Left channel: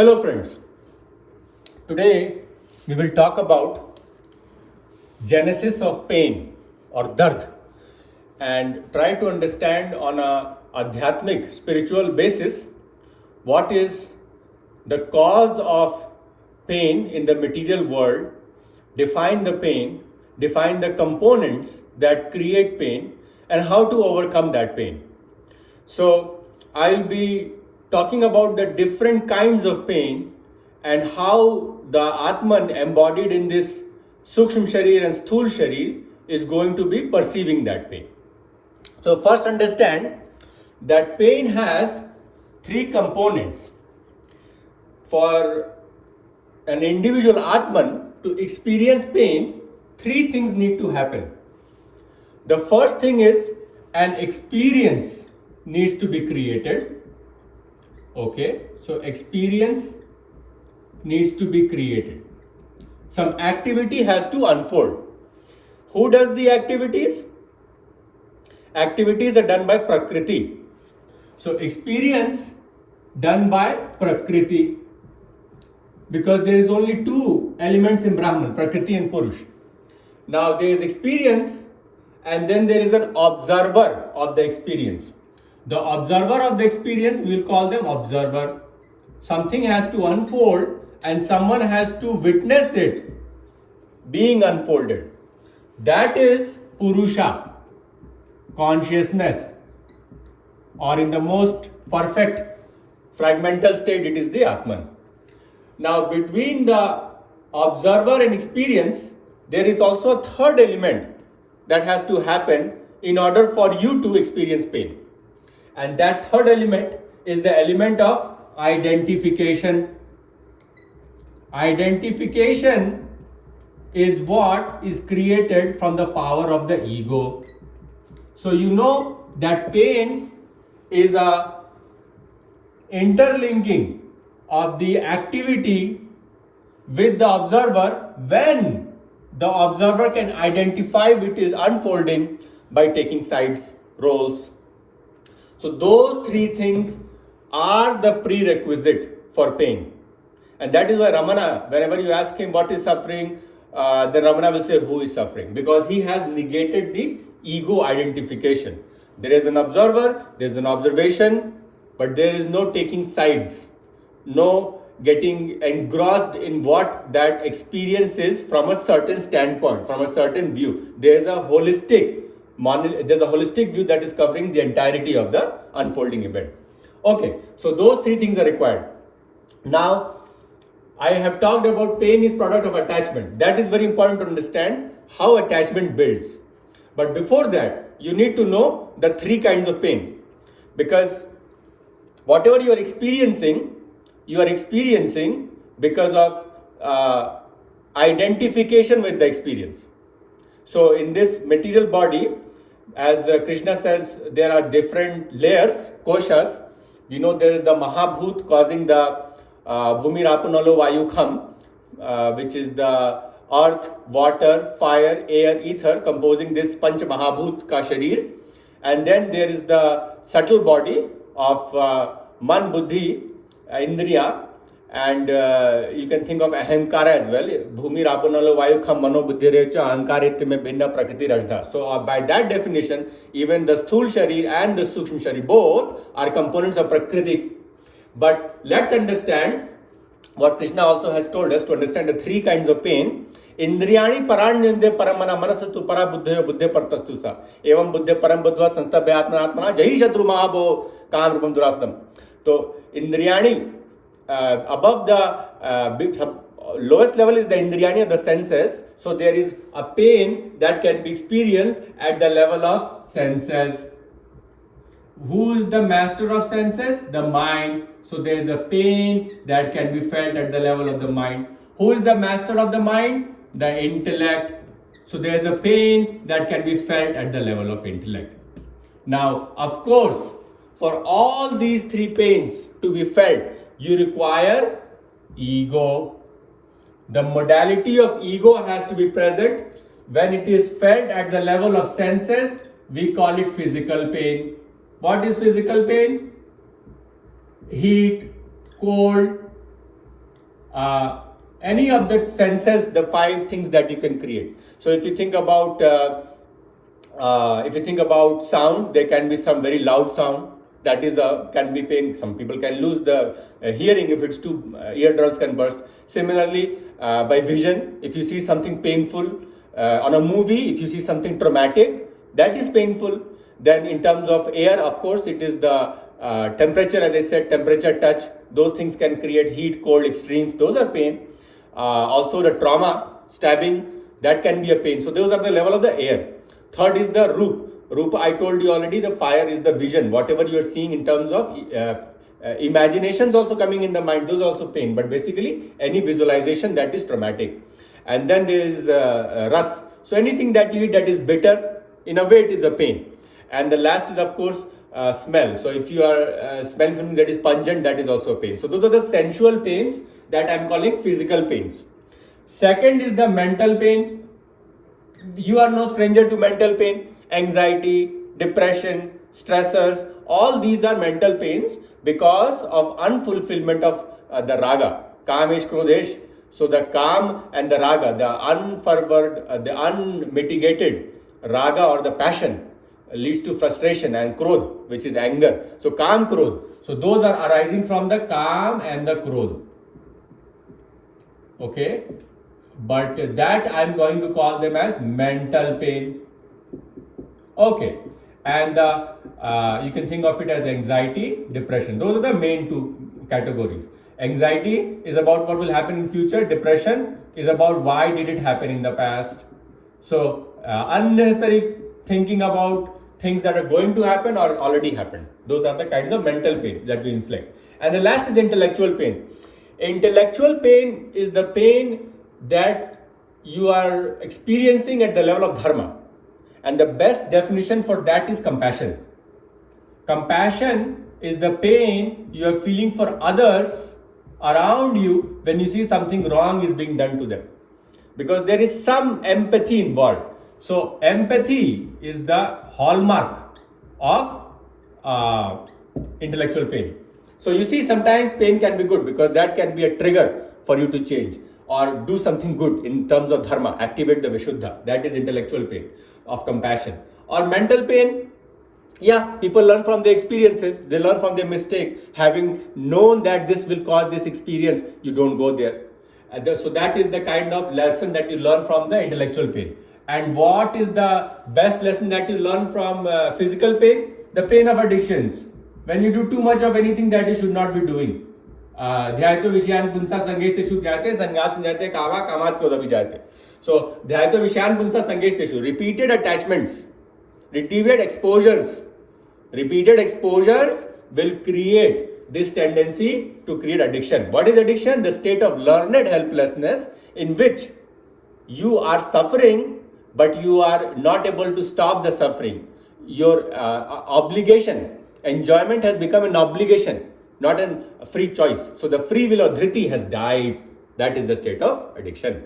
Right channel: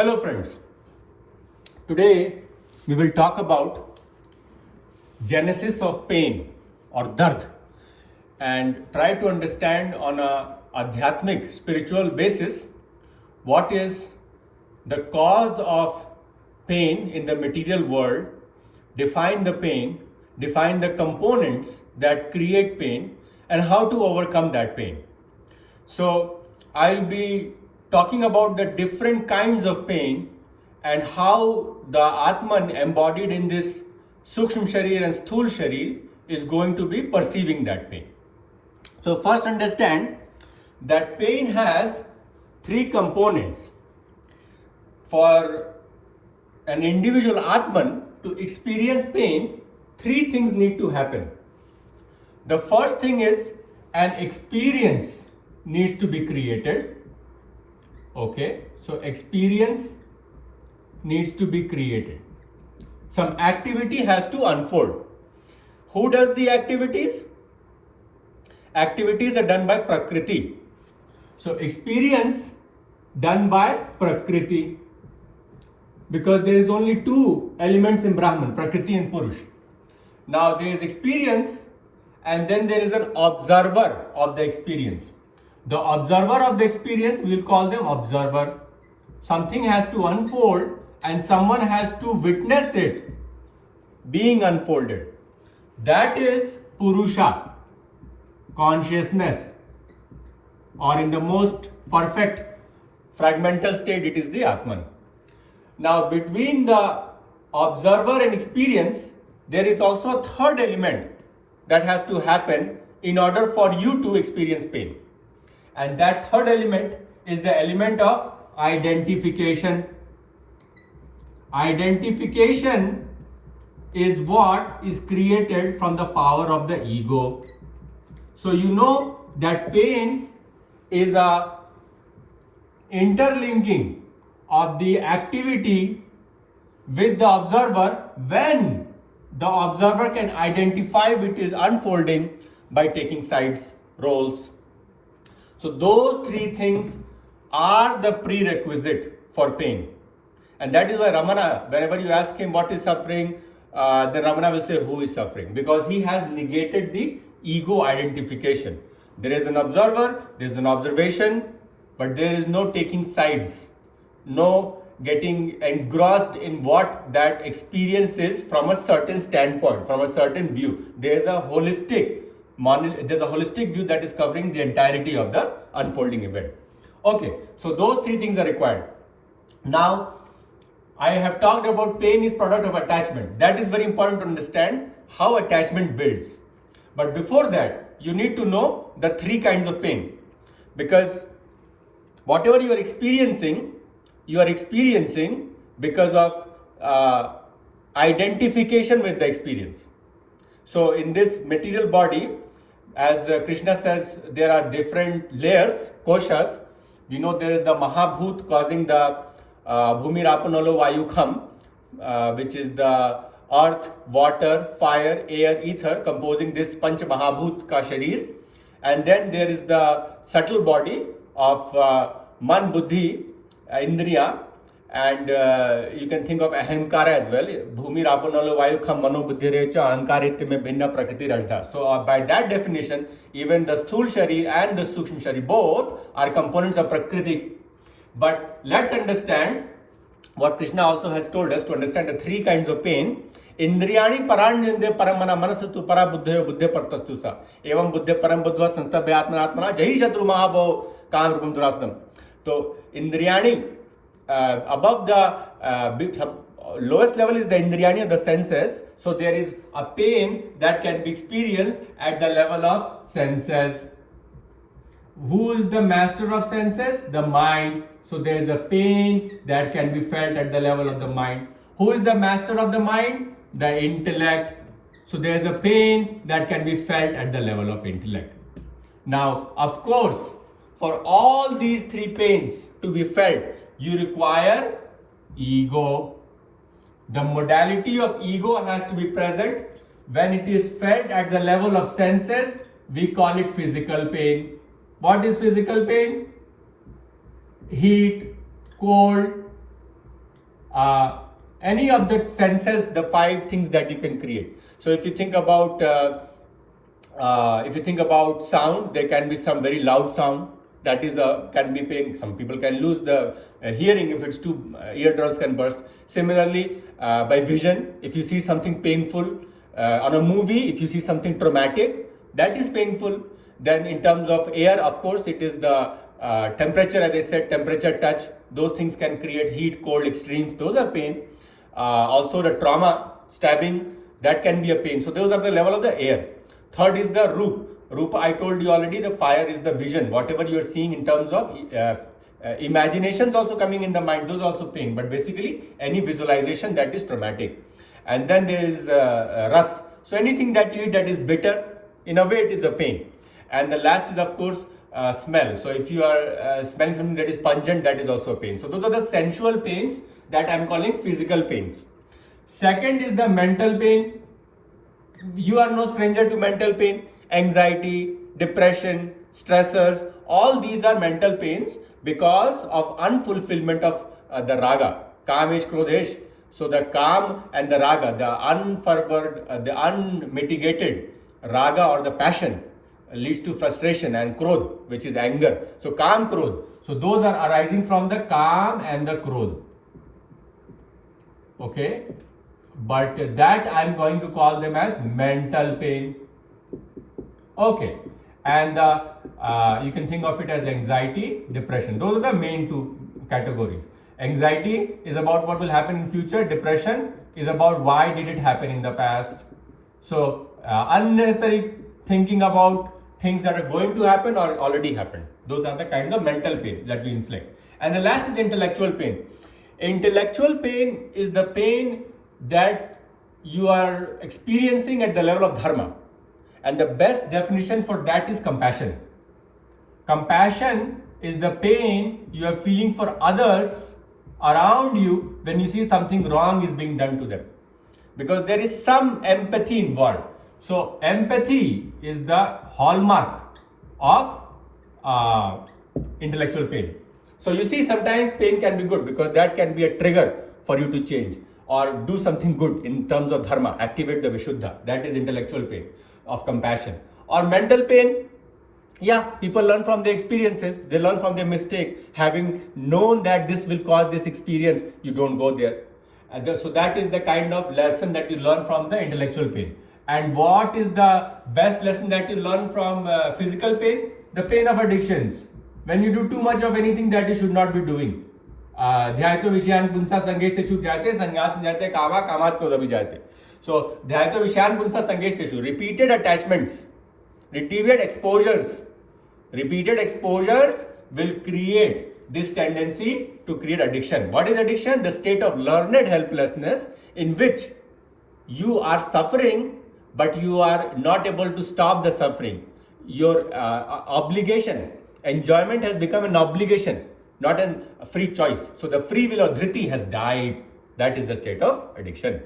Hello friends, today we will talk about genesis of pain or dard and try to understand on a adhyatmic spiritual basis what is the cause of pain in the material world, define the pain, define the components that create pain and how to overcome that pain. So I'll be talking about the different kinds of pain and how the Atman embodied in this Sukshma Sharir and Sthul Sharir is going to be perceiving that pain. So first understand that pain has three components. For an individual Atman to experience pain, three things need to happen. The first thing is an experience needs to be created. Okay, so experience needs to be created. Some activity has to unfold. Who does the activities? Activities are done by Prakriti. So experience done by Prakriti, because there is only two elements in Brahman, Prakriti and Purush. Now there is experience and then there is an observer of the experience. The observer of the experience, we will call them observer. Something has to unfold and someone has to witness it being unfolded. That is Purusha, consciousness, or in the most perfect fragmental state, it is the Atman. Now between the observer and experience, there is also a third element that has to happen in order for you to experience pain. And that third element is the element of identification. Identification is what is created from the power of the ego. So you know that pain is a interlinking of the activity with the observer when the observer can identify which is unfolding by taking sides, roles. So those three things are the prerequisite for pain. And that is why Ramana, whenever you ask him what is suffering, then Ramana will say who is suffering, because he has negated the ego identification. There is an observer, there is an observation, but there is no taking sides, no getting engrossed in what that experience is from a certain standpoint, from a certain view. There is a holistic view that is covering the entirety of the unfolding event. Okay, so those three things are required. Now, I have talked about pain is product of attachment. That is very important to understand how attachment builds. But before that, you need to know the three kinds of pain. Because whatever you are experiencing because of identification with the experience. So in this material body, as Krishna says, there are different layers, koshas. We know there is the Mahabhut causing the 𝙤𝙭𝙥𝙚𝙨𝙚𝙧𝙀, which is the earth, water, fire, air, ether, composing this Panch Mahabhut ka Sharir. And then there is the subtle body of Man, Buddhi, Indriya, and you can think of 𝙤𝙭𝙥𝙚𝙀 as well. So by that definition, even the Sthul Sharir and the Sukshma Sharir both are components of Prakriti. But let's understand what Krishna also has told us to understand the three kinds of pain. Indriyani paranyunde paramana manasastu para buddhayo buddhe partastusa evam buddhe param buddhva sanstabhya atmanatmana 𝙤𝙭𝙪𝙀 mahabo kam rupam durasanam. So Indriyani, above the lowest level is the Indriyani, the senses. So there is a pain that can be experienced at the level of senses. Who is the master of senses? The mind. So there is a pain that can be felt at the level of the mind. Who is the master of the mind? The intellect. So there is a pain that can be felt at the level of intellect. Now, of course, for all these three pains to be felt, you require ego. The modality of ego has to be present. When it is felt at the level of senses, we call it physical pain. What is physical pain? Heat, cold, any of the senses, the five things that you can create. So if you think about sound, there can be some very loud sound that is can be pain. Some people can lose the hearing if it's too eardrums can burst. Similarly, by vision, if you see something painful on a movie, if you see something traumatic, that is painful. Then in terms of air, of course, it is the temperature, as I said, temperature, touch. Those things can create heat, cold, extremes. Those are pain. Also the trauma, stabbing, that can be a pain. So those are the level of the air. Third is the roop. Rupa, I told you already, the fire is the vision. Whatever you are seeing in terms of imaginations also coming in the mind, those are also pain. But basically, any visualization that is traumatic. And then there is ras. So anything that you eat that is bitter, in a way it is a pain. And the last is, of course, smell. So if you are smelling something that is pungent, that is also pain. So those are the sensual pains that I am calling physical pains. Second is the mental pain. You are no stranger to mental pain. Anxiety, depression, stressors, all these are mental pains because of unfulfillment of the raga, kamesh, krodhesh. So the kam and the raga, the unfervored, the unmitigated raga or the passion leads to frustration, and krodh, which is anger. So kam, krodh. So those are arising from the kam and the krodh. Okay, but that I am going to call them as mental pain. Okay, and you can think of it as anxiety, depression. Those are the main two categories. Anxiety is about what will happen in future. Depression is about why did it happen in the past. So unnecessary thinking about things that are going to happen or already happened. Those are the kinds of mental pain that we inflict. And the last is intellectual pain. Intellectual pain is the pain that you are experiencing at the level of dharma. And the best definition for that is compassion. Compassion is the pain you are feeling for others around you when you see something wrong is being done to them. Because there is some empathy involved. So empathy is the hallmark of intellectual pain. So you see, sometimes pain can be good because that can be a trigger for you to change or do something good in terms of dharma, activate the Vishuddha. That is intellectual pain of compassion. Or mental pain, yeah, people learn from their experiences, they learn from their mistake. Having known that this will cause this experience, you don't go there. So that is the kind of lesson that you learn from the intellectual pain. And what is the best lesson that you learn from physical pain? The pain of addictions. When you do too much of anything that you should not be doing. ध्यायतो विषयान पुंसा संगेष्टेषु जाते संज्ञात संजाते कामा कामात क्रोध जाते. So ध्यायतो विषयान पुंसा संगेष्टेषु, repeated attachments, repeated exposures will create this tendency to create addiction. What is addiction? The state of learned helplessness in which you are suffering, but you are not able to stop the suffering. Your obligation, enjoyment has become an obligation, not a free choice. So the free will of dhriti has died. That is the state of addiction.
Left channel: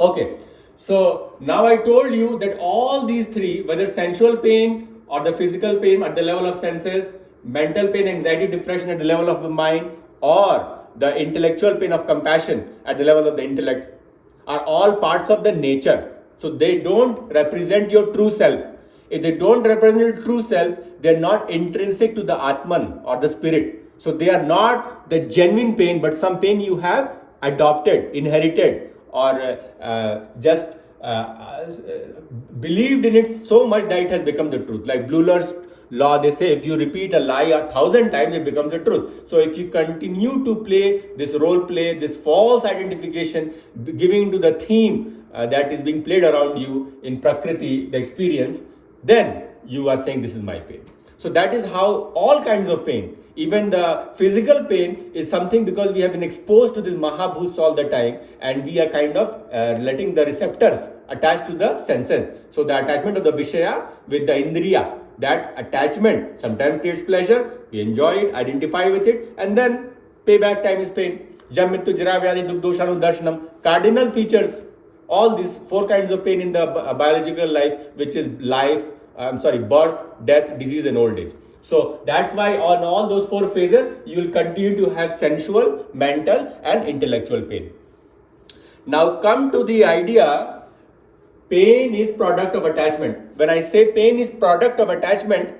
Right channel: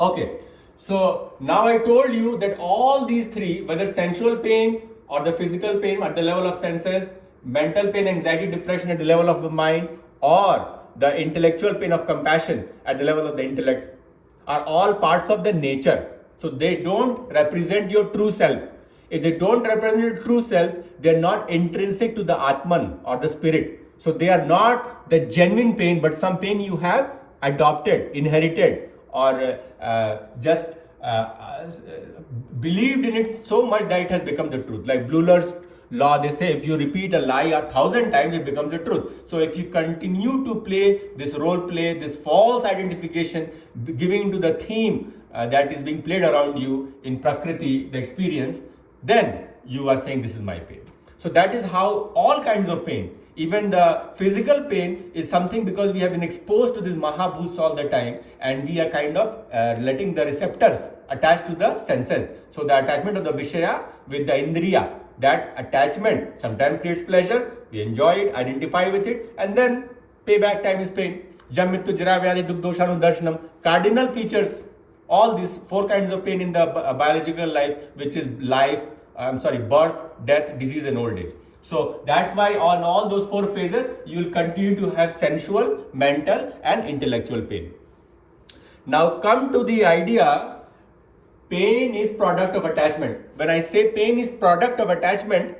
Okay, so now I told you that all these three, whether sensual pain or the physical pain at the level of senses, mental pain, anxiety, depression at the level of the mind, or the intellectual pain of compassion at the level of the intellect, are all parts of the nature. So they don't represent your true self. If they don't represent your true self, they are not intrinsic to the Atman or the spirit. So they are not the genuine pain, but some pain you have adopted, inherited, or just believed in it so much that it has become the truth. Like Bleuler's law, they say if you repeat a lie 1,000 times, it becomes a truth. So if you continue to play this role play, this false identification, giving to the theme that is being played around you in Prakriti, the experience, then you are saying this is my pain. So that is how all kinds of pain, even the physical pain, is something because we have been exposed to these Mahabhuts all the time, and we are kind of letting the receptors attach to the senses. So the attachment of the Vishaya with the Indriya, that attachment sometimes creates pleasure, we enjoy it, identify with it, and then payback time is pain. Jam mrityu jara vyadhi dukh doshanu darshanam. Cardinal features, all these four kinds of pain in the biological life, which is birth, death, disease, and old age. So that's why on all those 4 phases, you will continue to have sensual, mental and intellectual pain. Now come to the idea, pain is product of attachment. When I say pain is product of attachment,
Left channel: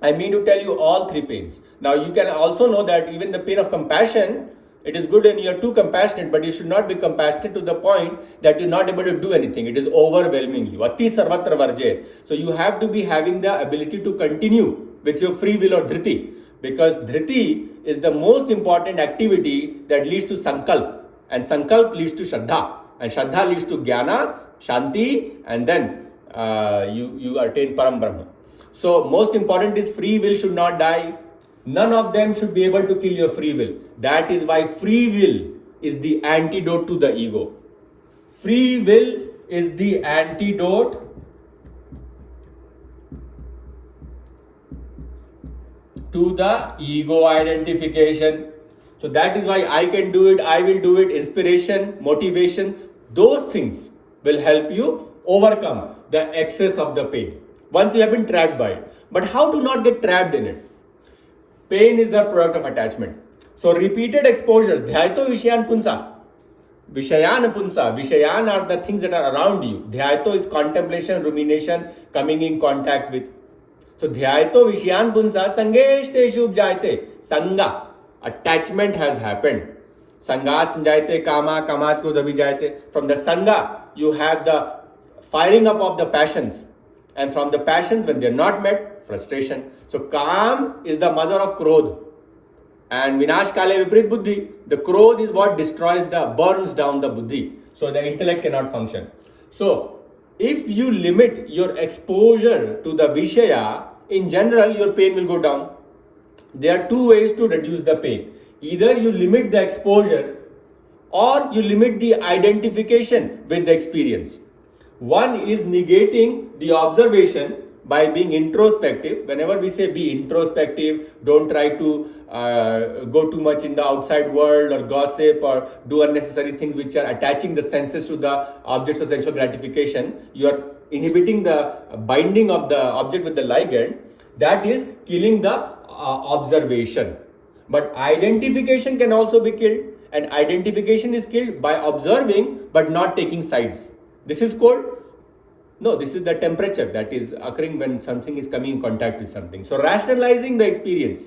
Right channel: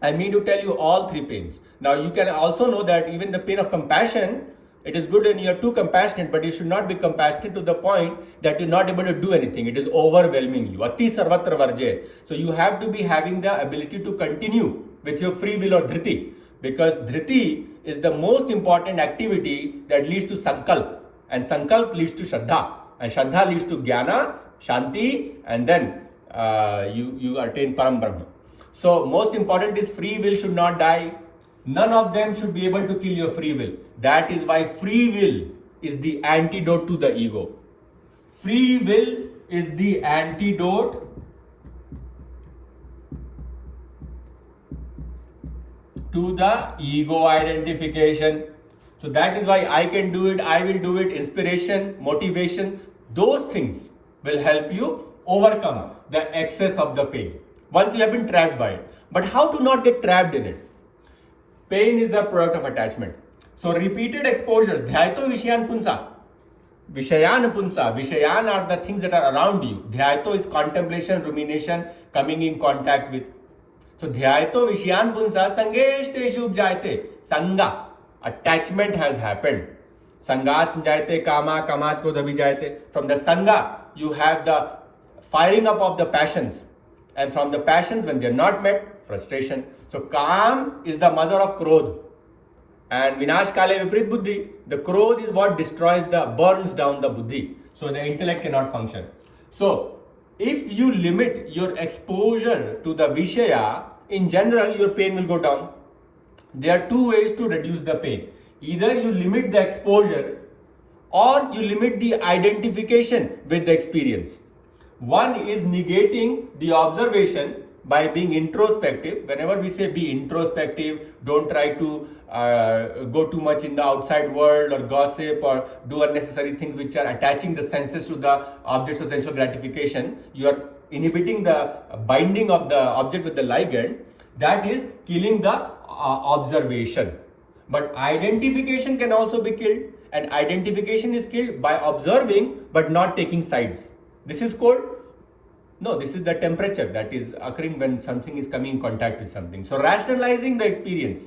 I mean to tell you all 3 pains. Now you can also know that even the pain of compassion, it is good when you are too compassionate, but you should not be compassionate to the point that you're not able to do anything. It is overwhelming you. Ati sarvatra varje. So you have to be having the ability to continue with your free will or dhriti, because dhriti is the most important activity that leads to sankalp, and sankalp leads to shraddha, and shraddha leads to jnana, shanti, and then you attain param brahma. So most important is free will should not die. None of them should be able to kill your free will. That is why free will is the antidote to the ego. Free will is the antidote to the ego identification. So that is why I can do it, I will do it, inspiration, motivation, those things will help you overcome the excess of the pain once you have been trapped by it. But how to not get trapped in it? Pain is the product of attachment. So repeated exposures, ध्यायतो विषयान पुंसा. Vishayan punsa. Vishayan are the things that are around you. Dhyayato is contemplation, rumination, coming in contact with. So dhyayato vishayan punsa sangeshteshu upjayate. Sangha. Attachment has happened. Sangat sanjayate kama, kamat ko dabhijayate. From the sangha, you have the firing up of the passions. And from the passions, when they are not met, frustration. So Kam is the mother of Krodh. And Vinash Kale Viprit Buddhi, the Krodh is what destroys burns down the Buddhi. So the intellect cannot function. So if you limit your exposure to the Vishaya, in general your pain will go down. There are 2 ways to reduce the pain. Either you limit the exposure or you limit the identification with the experience. One is negating the observation by being introspective. Whenever we say be introspective, don't try to go too much in the outside world or gossip or do unnecessary things which are attaching the senses to the objects of sensual gratification. You are inhibiting the binding of the object with the ligand. That is killing the observation. But identification can also be killed, and identification is killed by observing but not taking sides. This is called, no, this is the temperature that is occurring when something is coming in contact with something. So rationalizing the experience,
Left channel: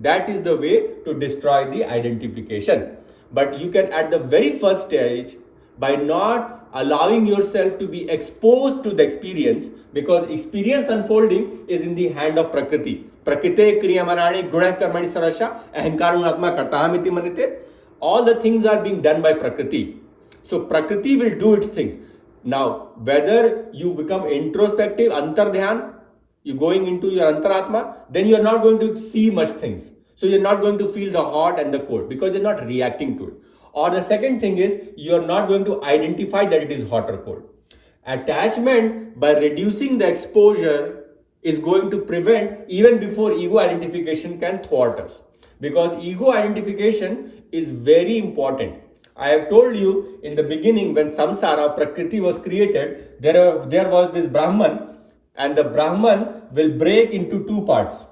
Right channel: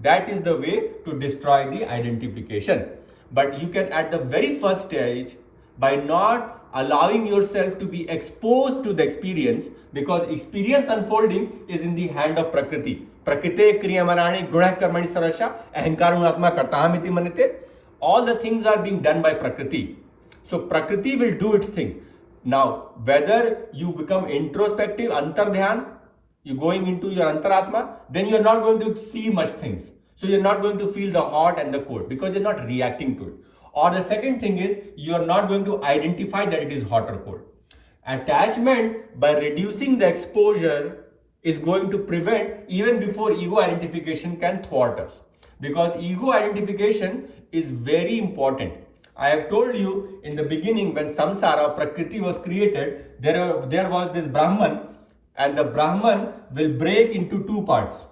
that is the way to destroy the identification. But you can at the very first stage, by not allowing yourself to be exposed to the experience, because experience unfolding is in the hand of Prakriti. Prakriti kriyamanani gunah karmani sarasha ahankaram atma kartahamiti manite. All the things are being done by Prakriti. So Prakriti will do its things. Now, whether you become introspective, antardhyan, you're going into your antaratma, then you're not going to see much things. So you're not going to feel the hot and the cold because you're not reacting to it. Or the second thing is, you're not going to identify that it is hot or cold. Attachment, by reducing the exposure, is going to prevent even before ego identification can thwart us. Because ego identification is very important. I have told you in the beginning, when samsara, Prakriti was created, there was this Brahman, and the Brahman will break into 2 parts.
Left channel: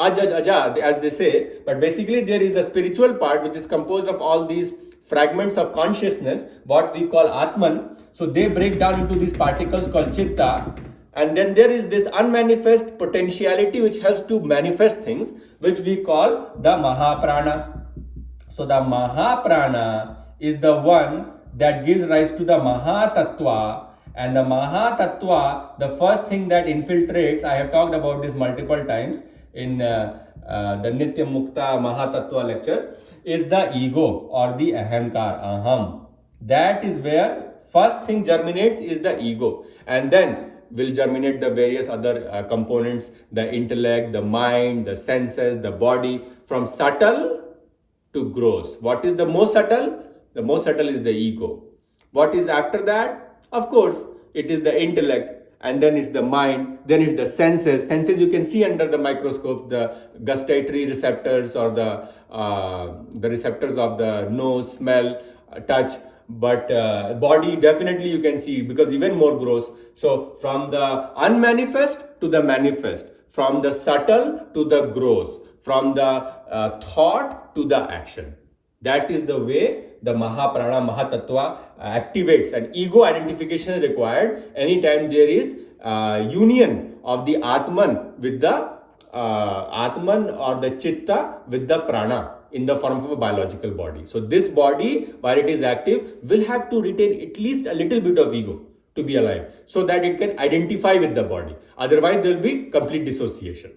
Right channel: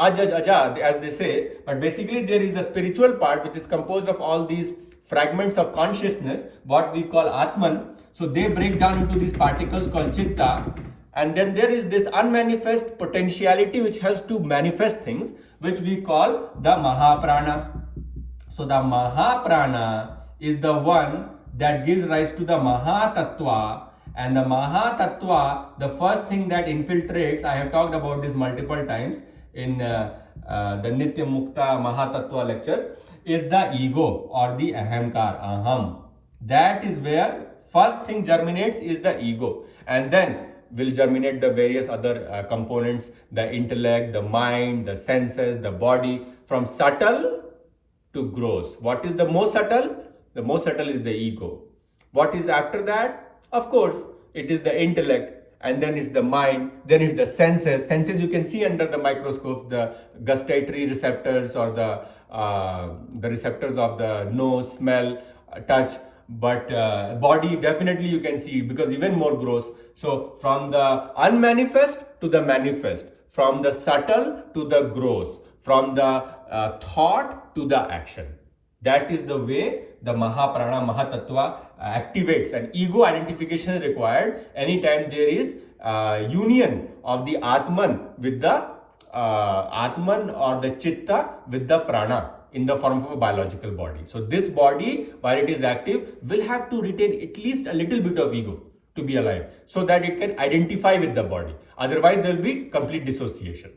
Ajaj, aja, as they say, but basically there is a spiritual part which is composed of all these fragments of consciousness, what we call Atman. So they break down into these particles called Chitta, and then there is this unmanifest potentiality which helps to manifest things, which we call the Mahaprana. So the Mahaprana is the one that gives rise to the Mahatattva, and the Mahatattva, the first thing that infiltrates, I have talked about this multiple times in the Nitya Mukta Mahatattva lecture, is the ego or the ahamkar, aham. That is where first thing germinates is the ego, and then will germinate the various other components, the intellect, the mind, the senses, the body, from subtle to gross. What is the most subtle? The most subtle is the ego. What is after that? Of course, it is the intellect, and then it's the mind, then it's the senses. Senses you can see under the microscope, the gustatory receptors or the receptors of the nose, smell, touch. But body definitely you can see, because even more gross. So from the unmanifest to the manifest, from the subtle to the gross, from the thought to the action. That is the way the Mahaprana, Mahatattva activates, and ego identification is required anytime there is union of the Atman with the Atman or the Chitta with the Prana in the form of a biological body. So this body, while it is active, will have to retain at least a little bit of ego to be alive, so that it can identify with the body. Otherwise, there will be complete dissociation.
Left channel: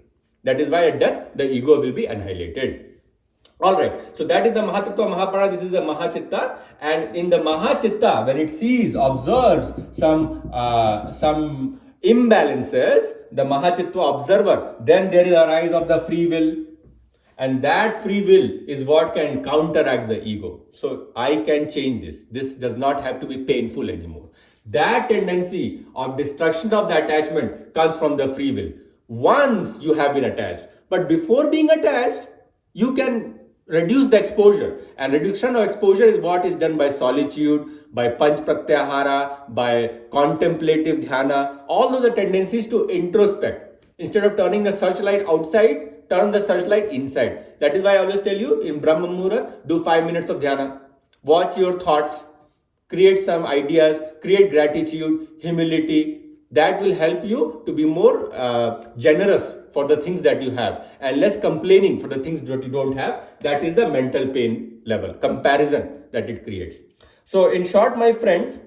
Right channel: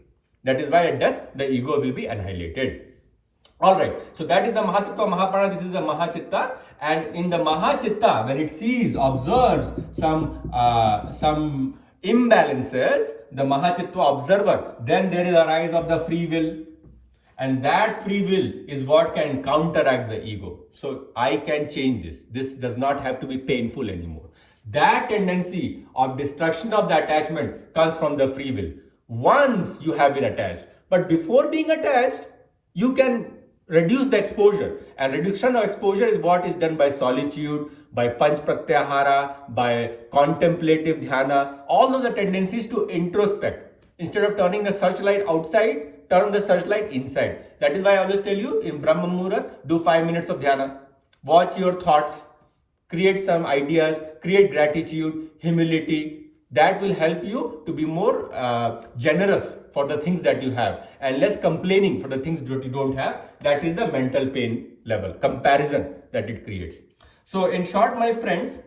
That is why at death, the ego will be annihilated. Alright, so that is the Mahatattva, Mahaprana, this is the Mahachitta. And in the Mahachitta, when it sees, observes some imbalances, the Mahachitta observer, then there is a rise of the free will. And that free will is what can counteract the ego. So I can change this. This does not have to be painful anymore. That tendency of destruction of the attachment comes from the free will. Once you have been attached, but before being attached, you can reduce the exposure. And reduction of exposure is what is done by solitude, by panch pratyahara, by contemplative dhyana. All of the tendencies to introspect. Instead of turning the searchlight outside, turn the searchlight inside. That is why I always tell you, in Brahma Muhurat, do 5 minutes of dhyana. Watch your thoughts, create some ideas, create gratitude, humility. That will help you to be more generous for the things that you have and less complaining for the things that you don't have. That is the mental pain level, comparison that it creates. So in short, my friends,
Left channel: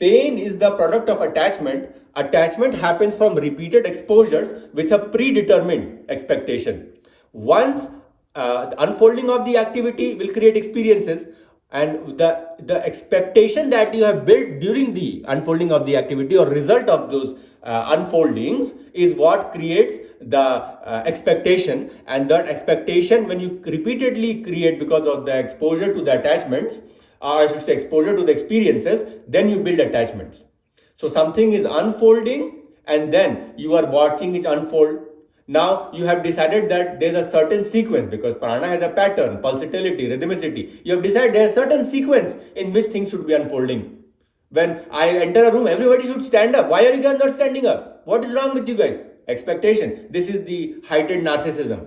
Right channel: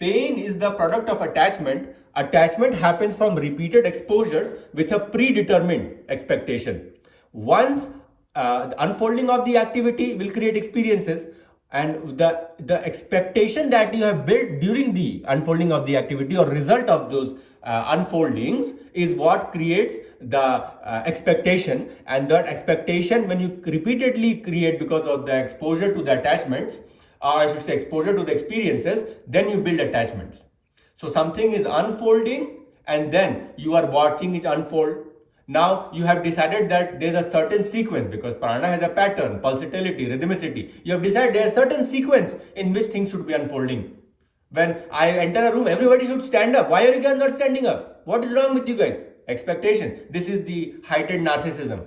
pain is the product of attachment. Attachment happens from repeated exposures with a predetermined expectation. Once the unfolding of the activity will create experiences, and the expectation that you have built during the unfolding of the activity or result of those unfoldings is what creates the expectation. And that expectation, when you repeatedly create because of the exposure to the attachments, or I should say exposure to the experiences, then you build attachments. So something is unfolding and then you are watching it unfold. Now you have decided that there is a certain sequence, because prana has a pattern, pulsatility, rhythmicity. You have decided there is a certain sequence in which things should be unfolding. When I enter a room, everybody should stand up. Why are you guys not standing up? What is wrong with you guys? Expectation. This is the heightened narcissism.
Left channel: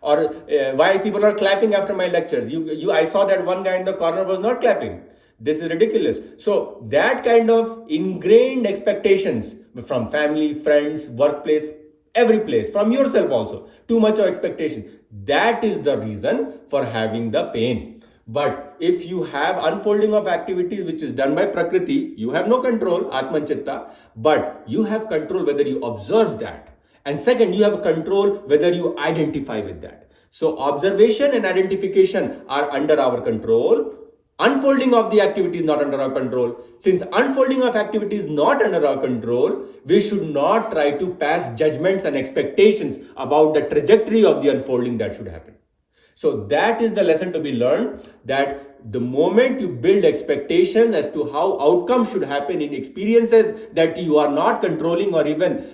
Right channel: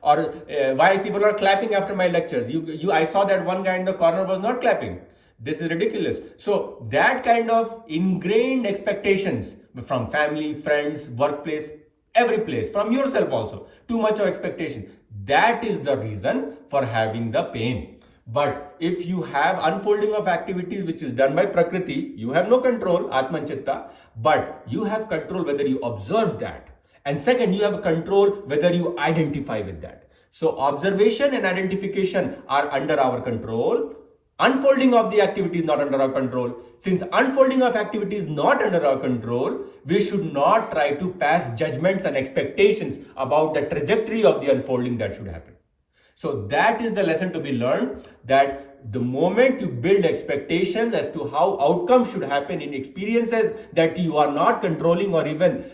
Or why people are clapping after my lectures. I saw that one guy in the corner was not clapping. This is ridiculous. So that kind of ingrained expectations from family, friends, workplace, every place, from yourself also, too much of expectation. That is the reason for having the pain. But if you have unfolding of activities which is done by Prakriti, you have no control, Atman Chitta, but you have control whether you observe that. And second, you have control whether you identify with that. So observation and identification are under our control. Unfolding of the activity is not under our control. Since unfolding of activity is not under our control, we should not try to pass judgments and expectations about the trajectory of the unfolding that should happen. So that is the lesson to be learned, that the moment you build expectations as to how outcomes should happen in experiences that you are not controlling or even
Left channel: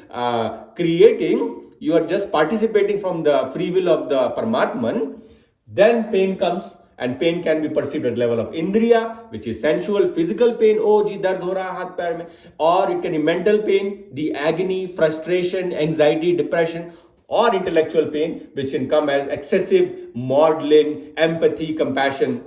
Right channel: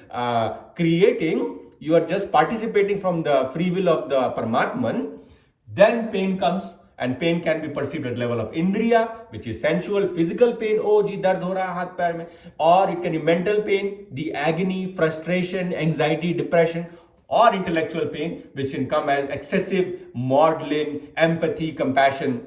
creating, you are just participating from the free will of the Parmatman, then pain comes. And pain can be perceived at the level of indriya, which is sensual, physical pain, oh ji dard ho raha haath pair mein, or it can be mental pain, the agony, frustration, anxiety, depression, or intellectual pain, which can come as excessive maudlin, empathy, compassion,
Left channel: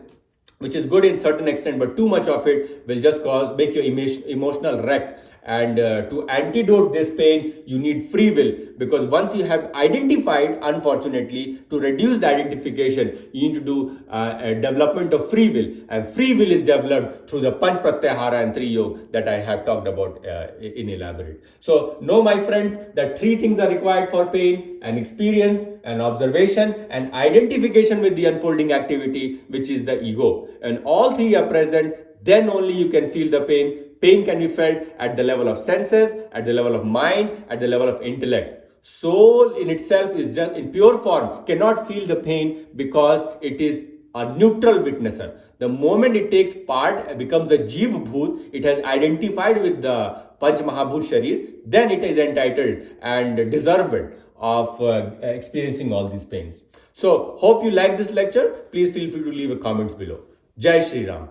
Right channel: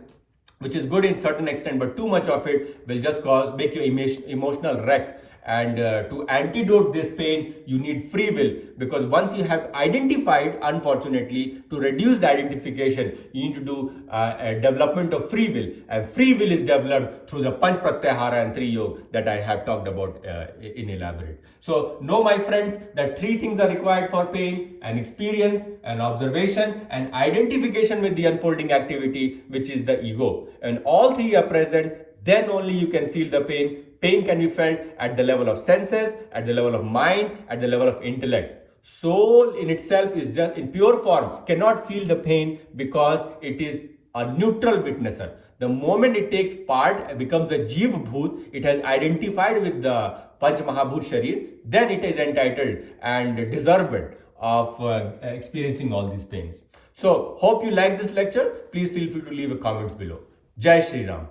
which is good in certain extent, but too much of it will just make you emotional wreck. And to antidote this pain, you need free will, because once you have identified, unfortunately, to reduce the identification, you need to do a development of free will. And free will is developed through the Panch Pratyahara and 3 Yoga that I have talked about in elaborate. So know, my friends, that 3 things are required for pain: an experience, an observation, and identification with the unfolding activity, which is the ego. And all 3 are present, then only you can feel the pain. Pain can be felt at the level of senses, at the level of mind, at the level of intellect. Soul in itself is just in pure form, cannot feel the pain because it is a neutral witnesser. The moment it takes part, it becomes a 𝙤𝙭𝙥𝙚𝙤𝙀, it has identified with the Panch Mahabhut Sharir, then it is entitled and deserved of experiencing all these pains. So, hope you like this lecture. Please feel free to leave a comments below. Jai Shri Ram.